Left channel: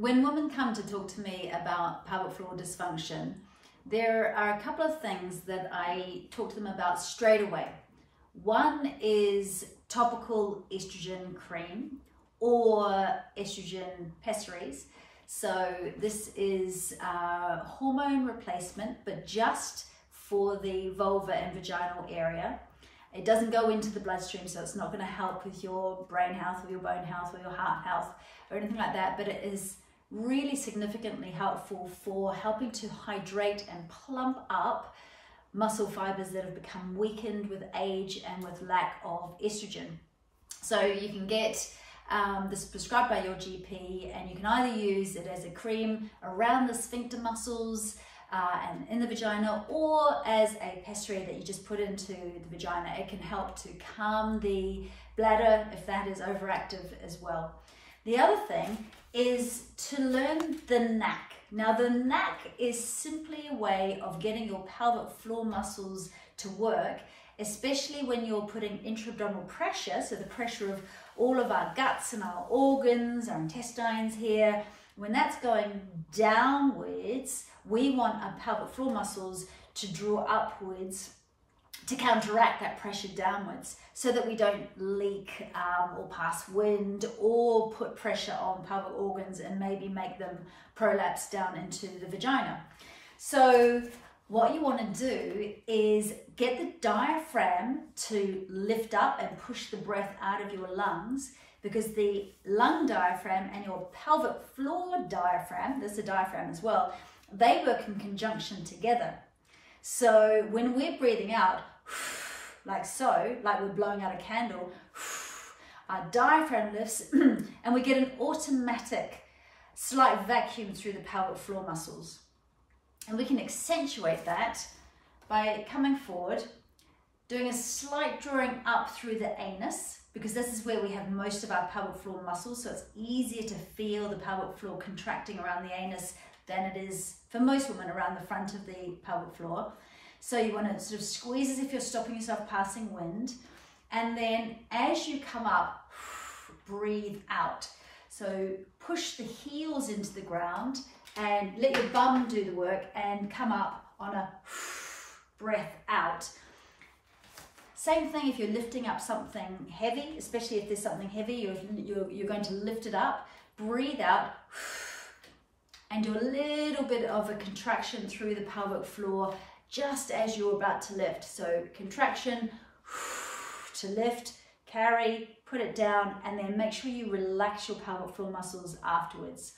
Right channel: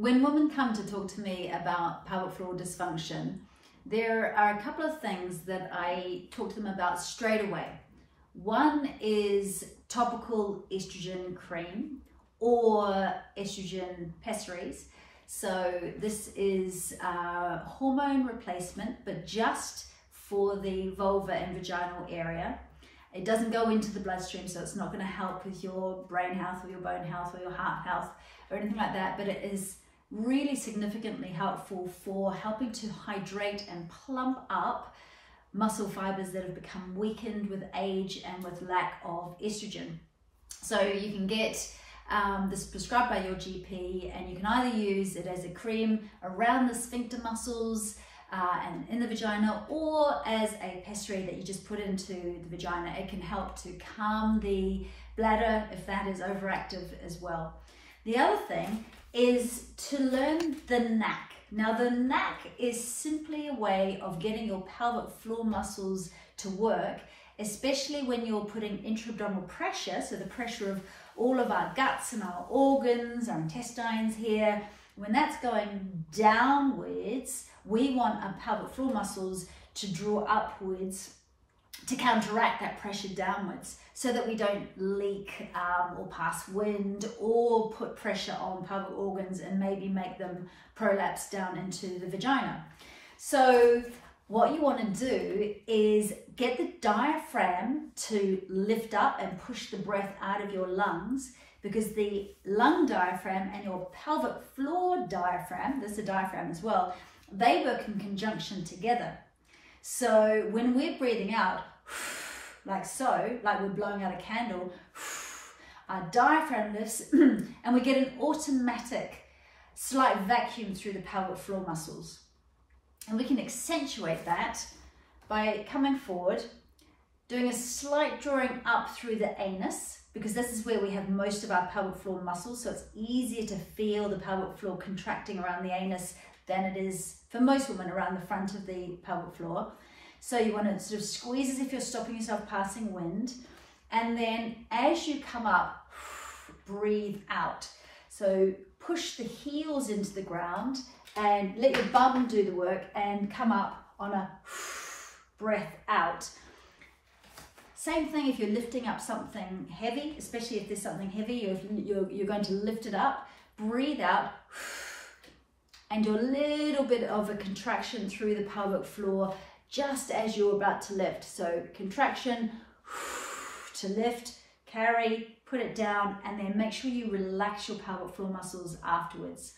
When women come to talk to me about pelvic floor dysfunction, there are a couple of things that I talk to them about straight away. One is topical estrogen cream or estrogen pessaries. So this is a hormone replacement, but just for the vulva and vaginal area. It doesn't go into the bloodstream, so it's not going to help with your brain health or your bone health or your heart health or anything like that, but it is really significantly helpful for helping to hydrate and plump up muscle fibers that have become weakened with age and with lack of estrogen. So you can get this prescribed by your GP, and you can either use it as a cream around the sphincter muscles and in the vagina, or as a pessary that you just put into the vagina. It can help to calm the bladder if that is overactive as well. The other thing is to learn the Knack. Now the Knack is simply a way of getting your pelvic floor muscles to work, especially when you're putting intra-abdominal pressure, so the pressure of all of our guts and our organs, our intestines here. When that's going downwards, we want our pelvic floor muscles to draw upwards to counteract that pressure downwards, so that we don't leak or pass wind or put pressure on pelvic organs and maybe make them prolapse down into the vagina. So what you want to do is get the diaphragm to lift up and push the breath out of your lungs, because the lung diaphragm and your pelvic floor diaphragm, there's a diaphragm as well, they work in conjunction together. So when we're breathing out, like so, like we're blowing out a candle, our diaphragm lifts and we get an automatic slight vacuum through the pelvic floor muscles. And we can accentuate that by coming forward, doing a slight drawing up through the anus, because this is where we have most of our pelvic floor muscles, so it's easier to feel the pelvic floor contracting around the anus than it is for most women around the front of the pelvic floor. So you want to sort of squeeze as if you're stopping yourself passing wind, and then as you come up, breathe out. So push the heels into the ground and let your bum do the work and come up on a breath out. Same thing if you're lifting up something heavy, especially if there's something heavy, you're going to lift it up, breathe out, and do a little bit of a contraction through the pelvic floor just as you're about to lift. So contraction to lift, carry, put it down, and then make sure you relax your pelvic floor muscles afterwards.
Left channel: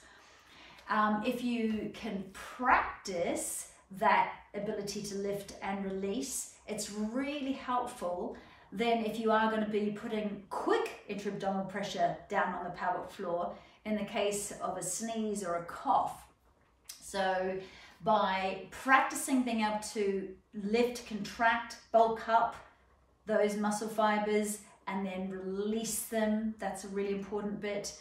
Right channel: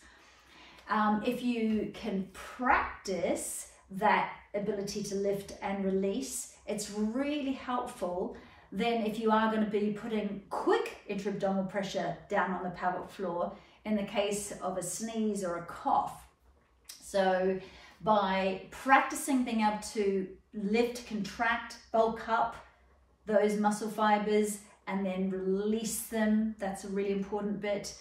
If you can practice that ability to lift and release, it's really helpful then if you are going to be putting quick intra-abdominal pressure down on the pelvic floor in the case of a sneeze or a cough. So by practicing being able to lift, contract, bulk up those muscle fibers and then release them, that's a really important bit.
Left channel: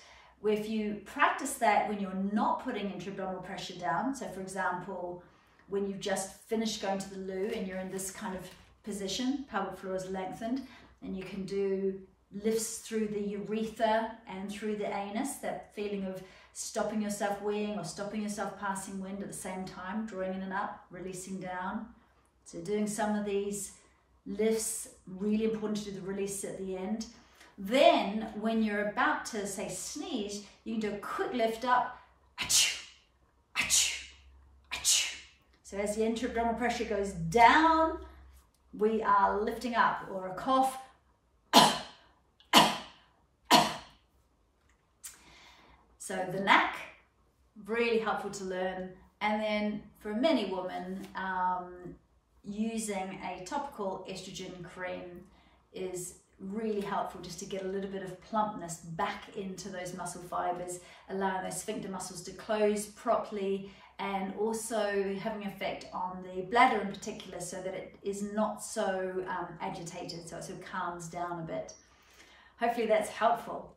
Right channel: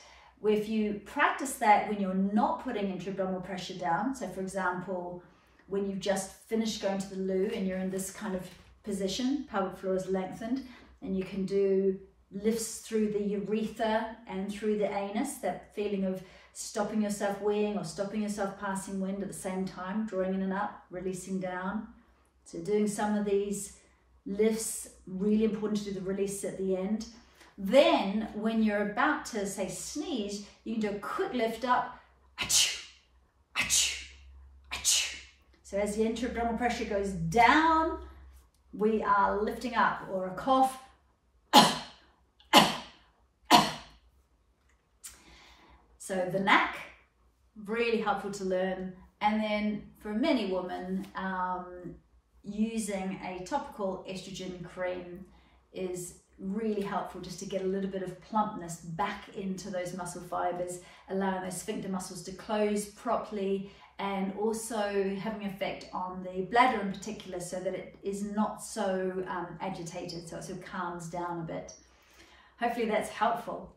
If you practice that when you're not putting intra-abdominal pressure down, so for example, when you've just finished going to the loo and you're in this kind of position, pelvic floor is lengthened, and you can do lifts through the urethra and through the anus, that feeling of stopping yourself weeing or stopping yourself passing wind at the same time, drawing in and up, releasing down. So doing some of these lifts, really important to do the release at the end. Then when you're about to say sneeze, you can do a quick lift up, achoo, achoo, achoo. So as the intra-abdominal pressure goes down, we are lifting up, or a cough. So the Knack, really helpful to learn. And then for many women, using a topical estrogen cream is really helpful just to get a little bit of plumpness back into those muscle fibers, allowing those sphincter muscles to close properly, and also having an effect on the bladder in particular, so that it is not so agitated, so it sort of calms down a bit. Hopefully that's helpful.